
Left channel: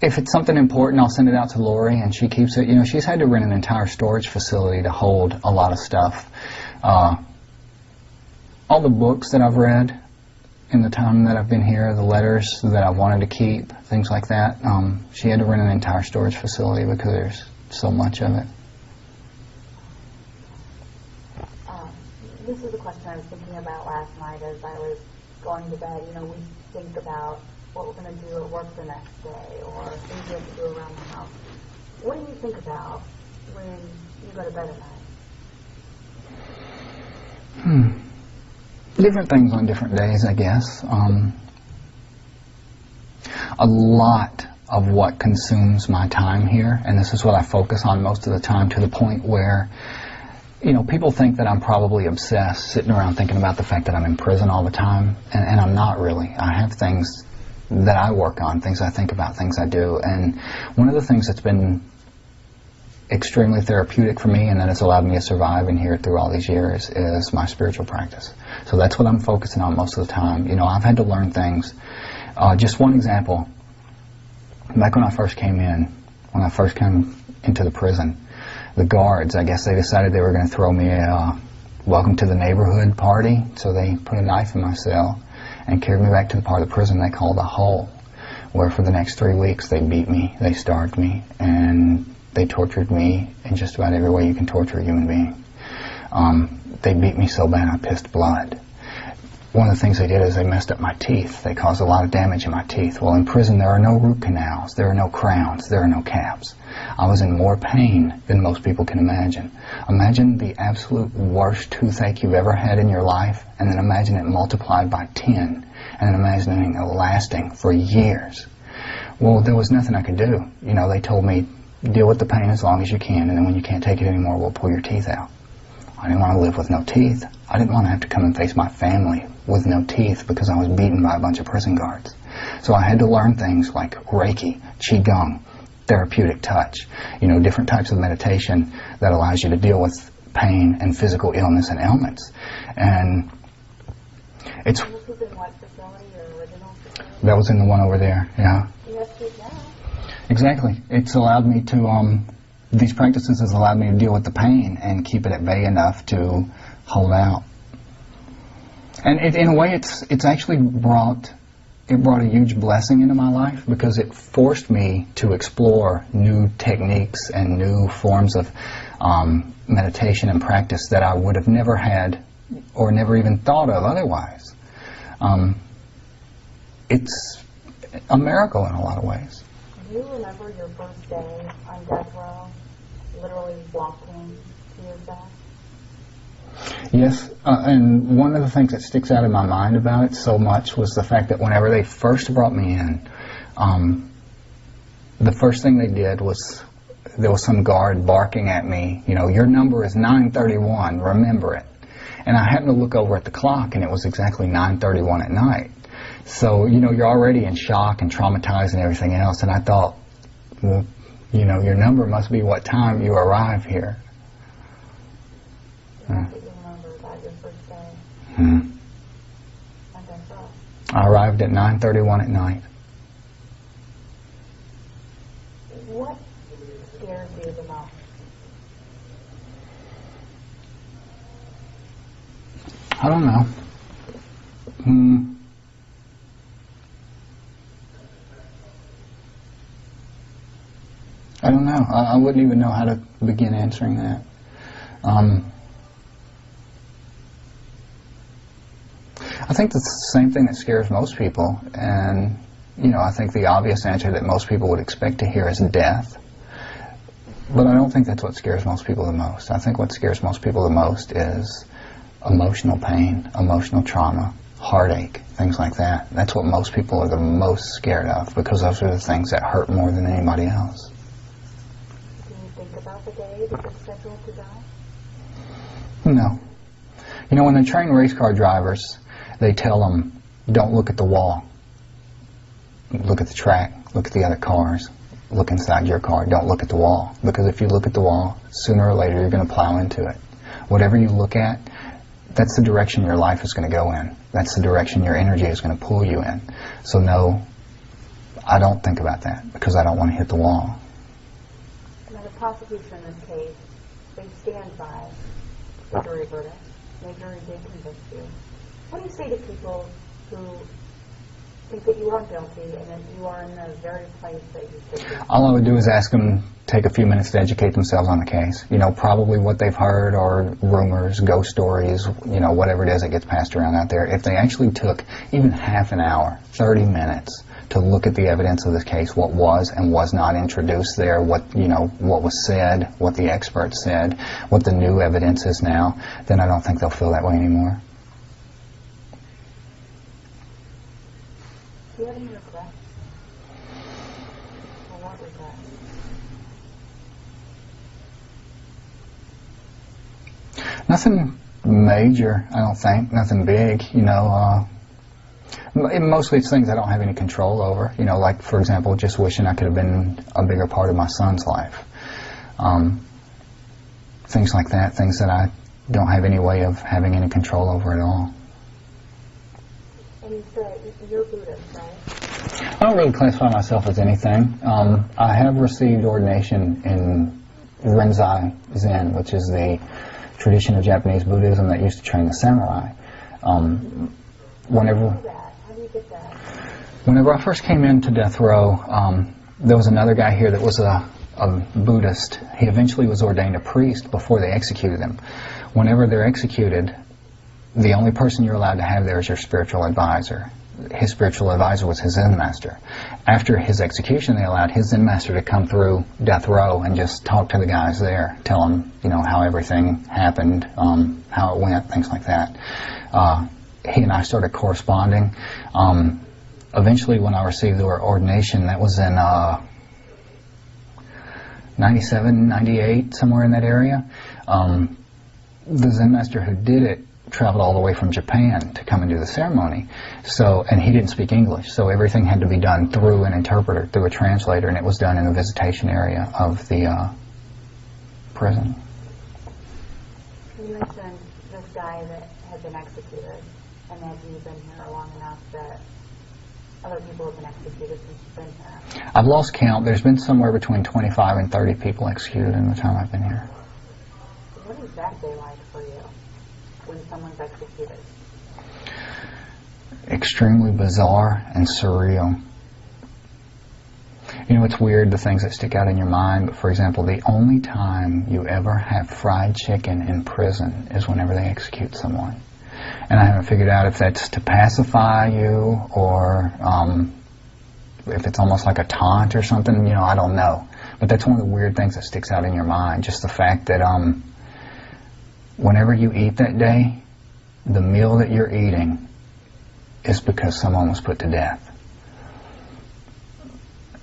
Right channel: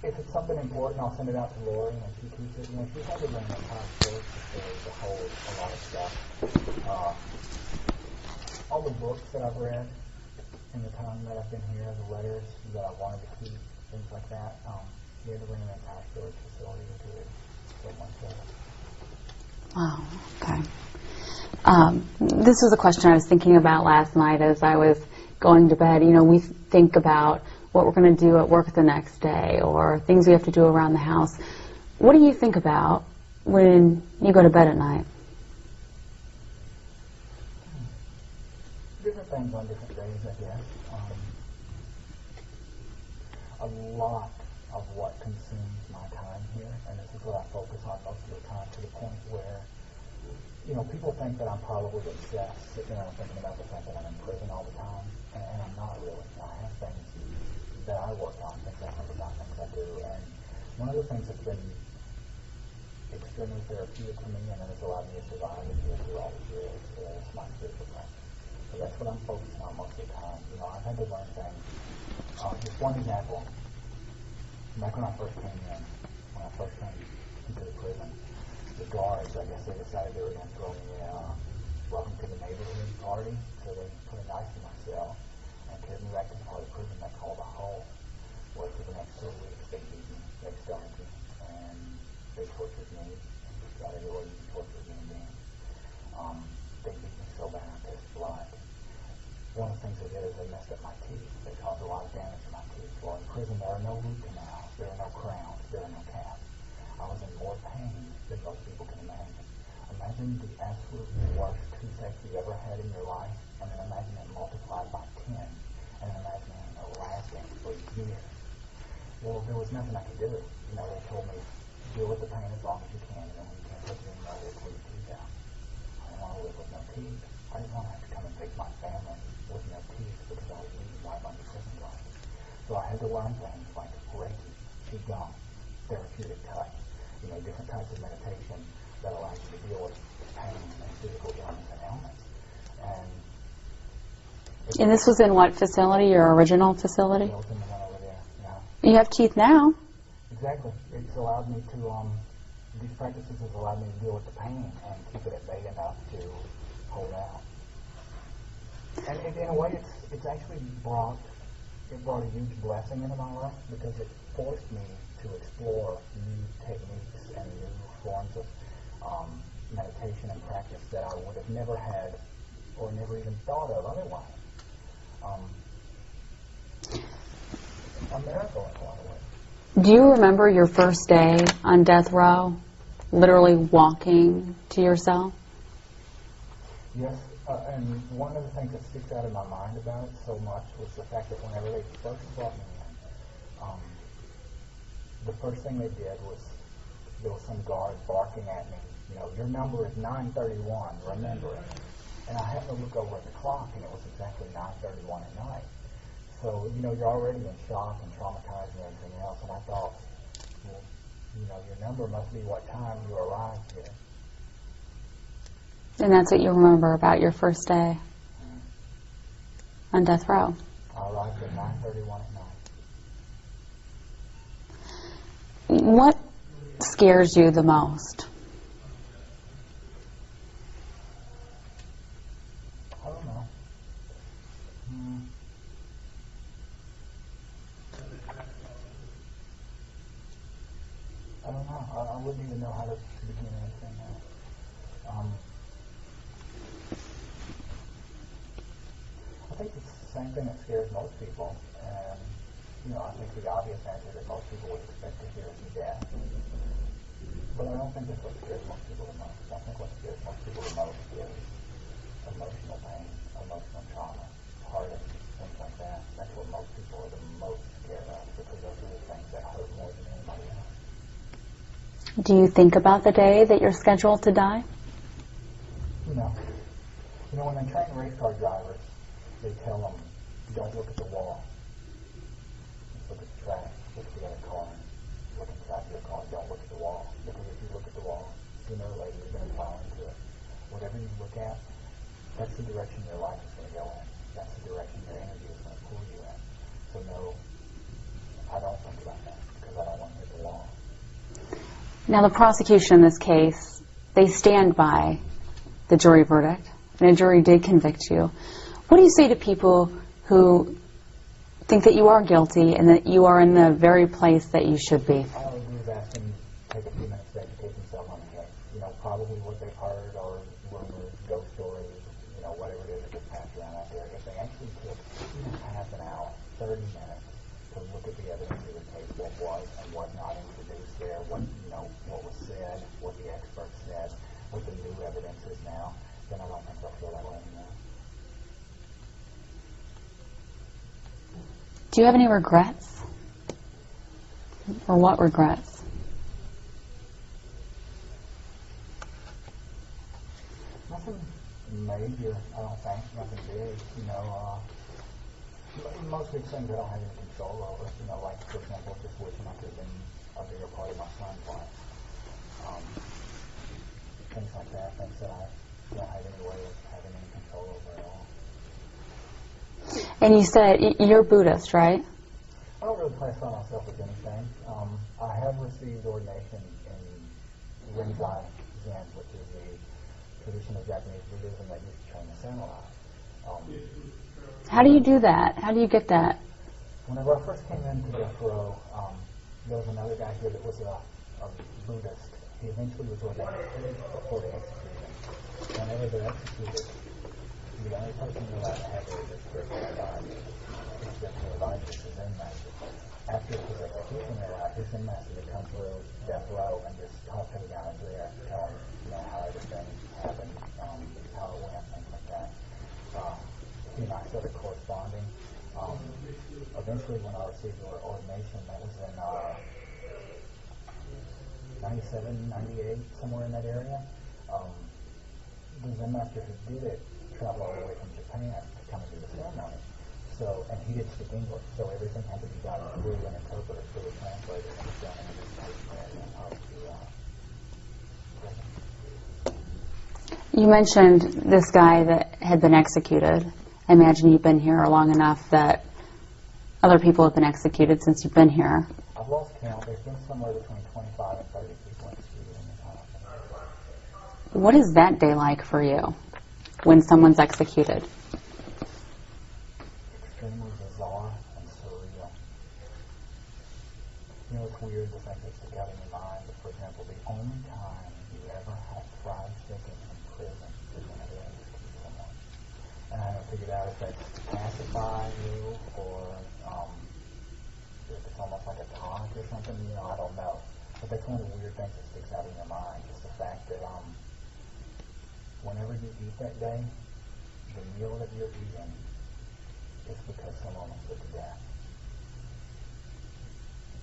If it's something important, I'll send it out to Lori, and she keeps it. You know, she's had to rent an entire storage facility to hold a lot of stuff. All the books that I've read in the time that I've been here, the letters that I wanted to keep, things like that, she had to rent an entire storage facility because there's so much of it. Wow, okay. This was a question I was thinking about last night as I was going to bed. You know, we think about what we're going to do at work the next day, or things you have to do around the house. What do you think about when you go to bed at night? Different things on different days, I guess. A lot of what consumes my time here, and this is what I focus on most of the time, to the point where, you know, people think that I'm probably obsessed, sitting around thinking about the fact that I'm in prison all the time, and I'm not really. I have things that I work on, things I think about, things I do, and one of the things that's been extremely therapeutic for me and that has allowed me to survive in here through all these years is my spiritual practice. So that's what I'm focusing on most of the time. You know, I've had to learn things. Just one example, back when I first came into the prison, the guards, I guess they decided they were going to throw me a welcome to the neighborhood party, so they put a knife in my cell and carried me back to the part of the prison they called a hole, where for the next 3 weeks they beat me, they starved me, and they tortured me in just about every way you can torture a human being. They beat me so bad I pissed blood. One of the things they did is they messed up my teeth. They caused a lot of damage in my teeth. Well, in prison there are no root canals, there are no crowns, there are no caps. I was in more pain than most people can imagine. Imagine the absolute worst toothache you've ever had in your life, and then imagine it multiplied by 10, and then imagining it lasting for years. Well, there was nothing I could do. You know, they told me, deal with the pain as long as you can, and then when you can't take it anymore, we'll pull your teeth out. I didn't want to live with no teeth. I didn't want to have to come and face my family with no teeth because I was beaten by a bunch of prison guards. So I had to learn things like Reiki, Qigong, therapeutic touch, you know, different types of meditation that allows you to deal with pain and physical illness and ailments. And this was in what facility, your original facility? That was in the one over there, yeah. You have teeth now. Exactly. It's allowed me to, these practices has allowed me to deal with the pain and keep it at bay enough to hold out. And in a way, it's actually brought a huge blessing into my life, because it forced me to explore new techniques and new forms of meditation and practice that I would have never had or never even thought of otherwise. It's a miracle in a lot of ways. Do you remember your first day on death row, literally walking to your cell? Yes, and one of the things that sticks out in my mind about it so much was the fact that whenever they first brought me in, the first thing they did was, there was some guard barking at me, you know, your number is 931, remember it. And I happened to look over at the clock, and it was exactly 9:31 at night. So, you know, you're already in shock and traumatized and everything else, and I thought, well, you know, your number must be what time you arrive here. And that's what you remember about your first day on death row? I arrived at 9:31 at night. What scares you the most? I don't know. I don't know. I wouldn't even know how to begin answering that. I think that's the same thing that scares most people, and you know, I think the obvious answer that most people would expect to hear is death. But I don't think that's what scares most people the most. I think what scares most people the most is emotional pain, emotional trauma, heartache, things like that. That's what most people are the most scared of, because those are the things that hurt more than anybody else. Do you think about the day that you're scheduled to die? No. You know, when they train race car drivers, they tell them, don't look at the wall. Look at the track, look at the other cars, look inside your car, don't look at the wall. Because if you look at the wall, sooner or later you're going to plow into it. Whatever you look at, that's the direction your life is going to go in. That's the direction your energy is going to pull you in. So no, I don't think about that, because I don't want to hit the wall. Now the prosecution in this case, they stand by the jury verdict, and a jury did convict you. What do you say to people who think that you are guilty and that you are in the very place that you should be? All I would do is ask them, take a few minutes to educate themselves on the case. You know, probably what they've heard are rumors, ghost stories, you know, whatever it is that gets passed around out there. If they actually took even half an hour, 30 minutes, to look at the evidence of this case, what was and was not introduced there, what what was said, what the experts said, what the new evidence is now, then I don't think they'll feel that way anymore. Do you have any regrets? Or what regrets? Nothing major, I don't think. Nothing big, Mostly it's things I don't have any control over. Like, for example, just wishing I could have been a bigger part of my son's life. Things like that, things that I don't have any way of having any control over at all. And you said you're Buddhist, right? I don't really classify myself as anything. I have received ordination in Rinzai Zen, which is the tradition of Japanese Buddhism that used to train the samurai. How do you do that? How do you get that? Whenever I first came into death row, there was another guy here that was a Buddhist. He eventually was ordained a priest before they executed him. Whenever they're executed, the only person you're allowed to have there is your spiritual advisor. His spiritual advisor was his Zen master. After his execution, they allowed his Zen master to come through death row and just talk to the guys there, tell them, how everything happened, how it went, things like that. He and I started corresponding. Eventually, when I received the ordination, that was in 97, 98, somewhere in that area. The Zen master who did it traveled all the way from Japan to come and do the ceremony. And he didn't speak English, so everything had to be done through an interpreter, through a translator, and it was done in the visitation area of the prison. You mentioned this guy that had been executed. I imagine you've been here long enough that other people have been executed since you've been here. I've lost count. There's been somewhere between 25 and 30 people executed in the time I've been here. What is that day like for you when someone's executed? Extremely bizarre and surreal. It's weird, the things that stick out in your mind, but for example, the only time you ever have fried chicken in prison is whenever they execute someone. And I haven't figured out if that's to pacify you or if it's almost like a taunt or something, I don't know. But that's one of the weird things that sticks out in your mind, just the fact that whenever you eat that day, the meal that you're eating is because someone was put to death.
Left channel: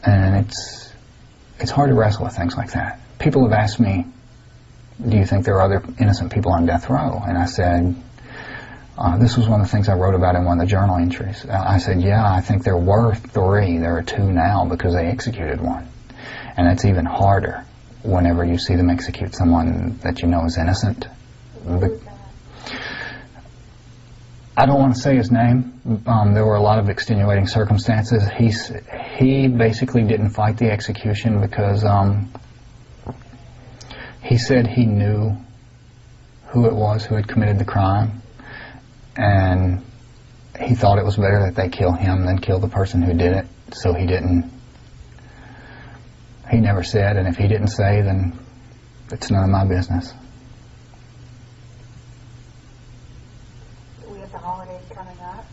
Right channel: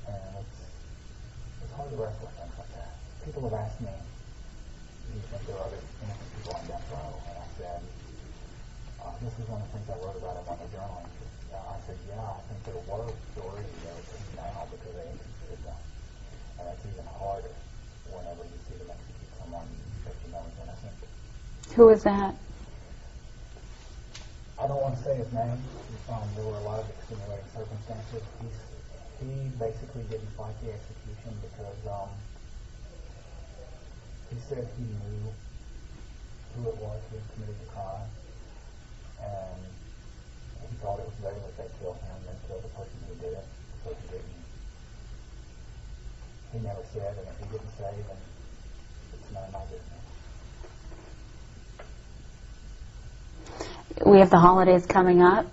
And it's hard to wrestle with things like that. People have asked me, do you think there are other innocent people on death row? And I said, this was one of the things I wrote about in one of the journal entries. I said, yeah, I think there were 3. There are 2 now because they executed one. And that's even harder whenever you see them execute someone that you know is innocent. Who is that? I don't want to say his name. There were a lot of extenuating circumstances. He basically didn't fight the execution because he said he knew who it was who had committed the crime, and he thought it was better that they kill him than kill the person who did it, so he didn't. He never said, and if he didn't say, then it's none of my business. We have the holidays coming up.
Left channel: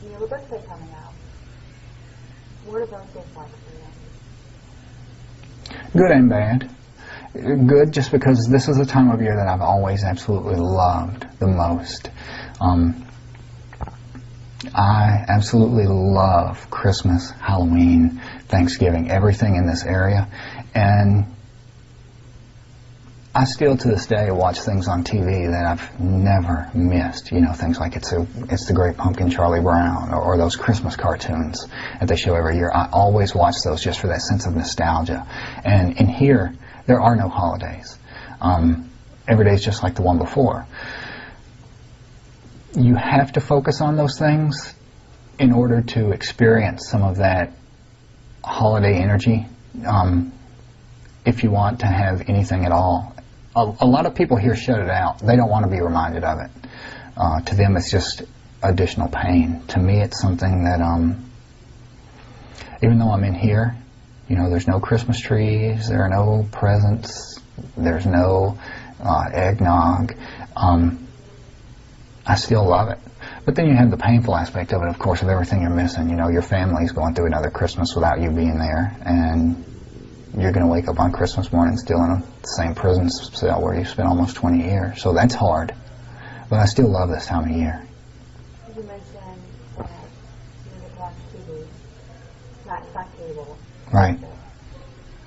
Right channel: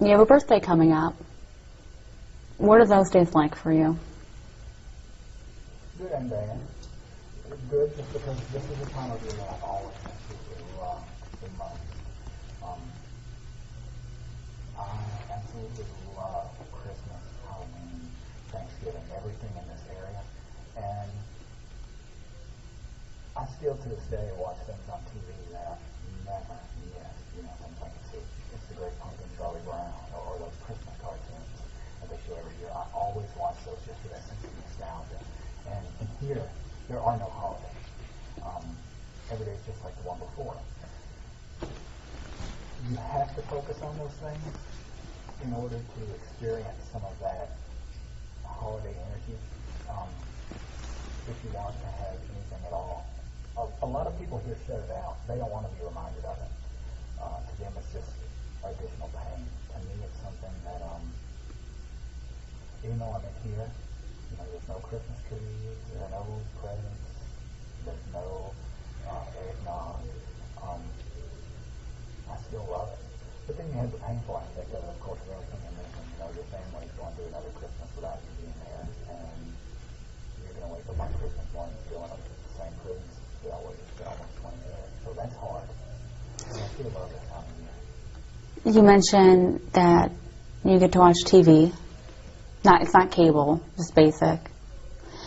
You have a birthday coming up. What are those days like for you? Good and bad. Good just because this is a time of year that I've always absolutely loved the most. I absolutely love Christmas, Halloween, Thanksgiving, everything in this area. And I still to this day watch things on TV that I've never missed. Things like It's the Great Pumpkin, Charlie Brown, or those Christmas cartoons that they show every year. I always watch those just for that sense of nostalgia. And in here, there are no holidays. Every day is just like the one before. You have to focus on those things in order to experience some of that holiday energy, if you want to have anything at all. A lot of people here shut it out. They don't want to be reminded of it. To them, it's just additional pain. To me, it's something that, even though I'm in here, there's no Christmas trees, there are no presents, there's no eggnog. I still love it But then you have the painful aspect of it, of course, of everything you're missing. You know, your family's going through another Christmas without you being there, and you're going to wake up on Christmas morning still in the same prison cell where you spent almost 20 years. So that's hard. But I still love this time of year. You mentioned that you get to watch TV. It's not cable, just Right. basic.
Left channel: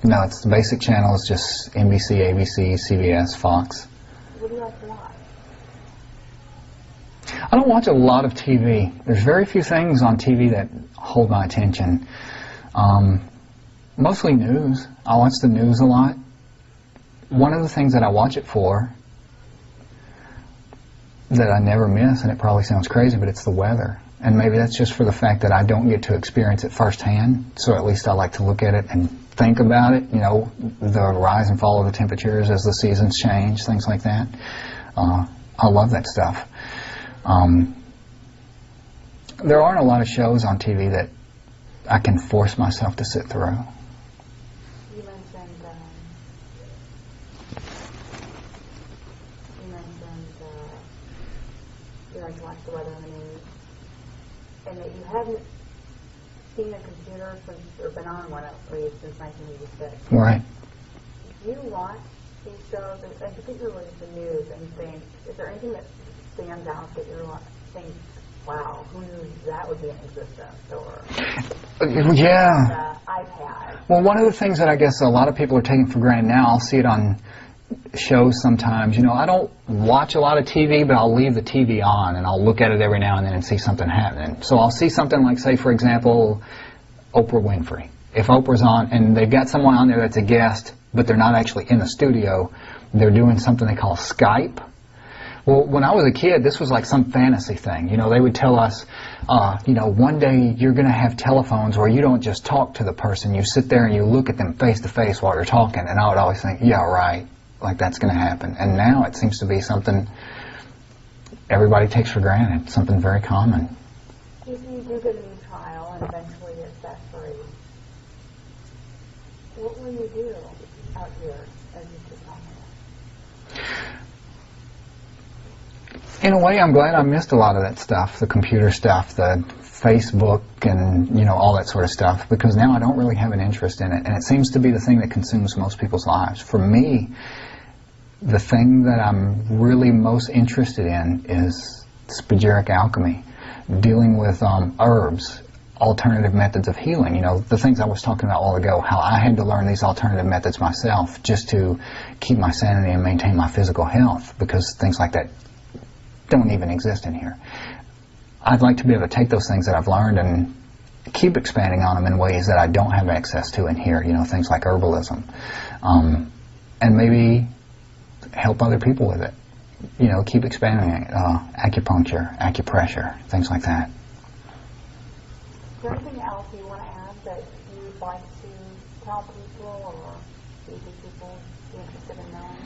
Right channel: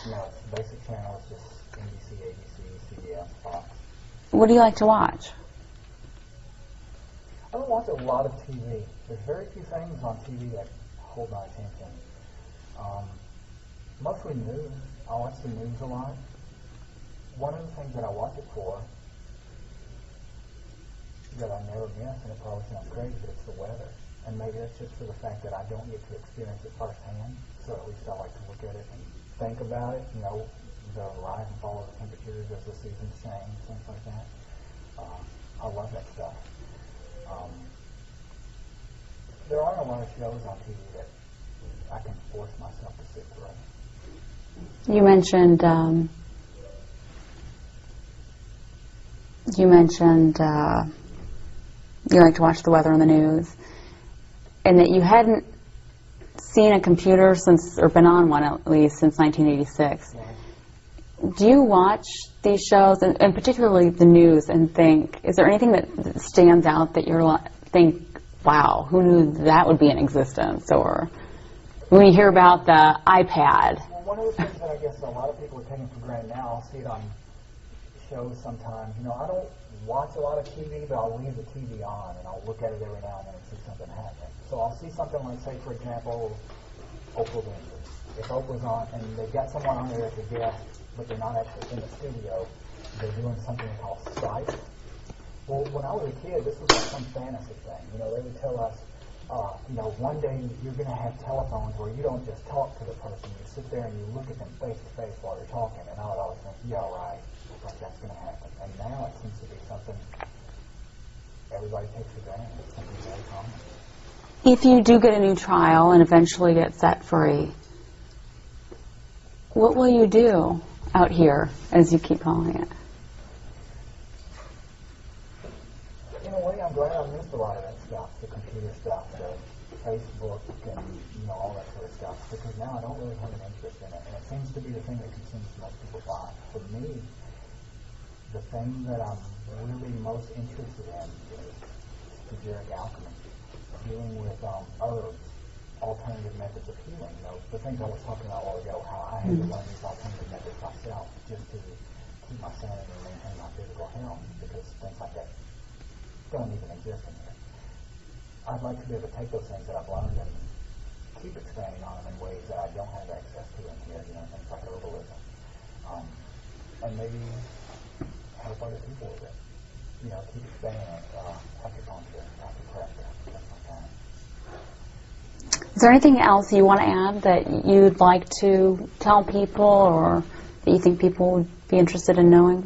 No, it's the basic channels, just NBC, ABC, CBS, Fox. What do you like to watch? I don't watch a lot of TV. There's very few things on TV that hold my attention. Mostly news. I watch the news a lot. One of the things that I watch it for that I never miss, and it probably sounds crazy, but it's the weather. And maybe that's just for the fact that I don't get to experience it firsthand, so at least I like to look at it and think about it, you know, the rise and fall of the temperatures as the seasons change, things like that. I love that stuff. There aren't a lot of shows on TV that I can force myself to sit through. You mentioned you like to watch the weather on the news, and that you hadn't seen a computer since, or been on one at least, since 1986. Right. Do you watch these shows, and particularly the news, and think, is there anything that stands out that you're think, wow, who knew that would be in existence? Or when you hear about the iPad. Well, one of the things that I guess a lot of people are taking for granted now, I'll see it on shows sometimes. You know, I don't watch a lot of TV, but I'll leave the TV on, and I'll look at it every now and then and see something happening. So I'll see something like, say, for example, Oprah Winfrey. If Oprah's on, and they've got someone on there that's a guest, but they're not actually in the studio, they're doing something they call Skype. Well, when I was a kid, this was like some fantasy thing. You know, they would tell us, you know, one day you're going to have telephones where you don't just talk to the person, you sit there and you look at them face to face while you're talking. And I would always think, yeah, right, like that's going to happen. And now it seems to be something everybody takes for granted, something very common. If you do get a new trial and eventually get set free, what will you do out here, as you keep calling it? In a way, I'm glad I missed a lot of that stuff, the computer stuff, the Facebook, and, you know, all that sort of stuff, because now I don't really have an interest in it, and it seems to be the thing that consumes most people's lives. For me, the thing that I'm really most interested in is spagyric alchemy, dealing with herbs, alternative methods of healing. You know, the things I was talking about a while ago, how I had to learn these alternative methods myself just to keep my sanity and maintain my physical health, because things like that don't even exist in here. I'd like to be able to take those things that I've learned and keep expanding on them in ways that I don't have access to in here, you know, things like herbalism, and maybe help other people with it, you know, keep expanding it, acupuncture, acupressure, things like that. Is there anything else you want to add that you'd like to tell people, or that you think people would be interested in knowing?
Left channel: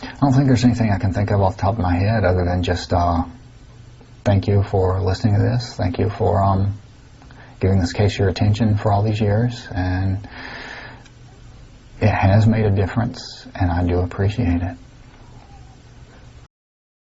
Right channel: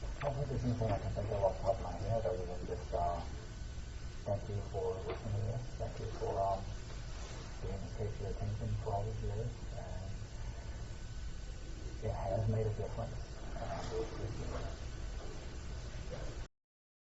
I don't think there's anything I can think of off the top of my head other than just thank you for listening to this. Thank you for giving this case your attention for all these years. And it has made a difference, and I do appreciate it.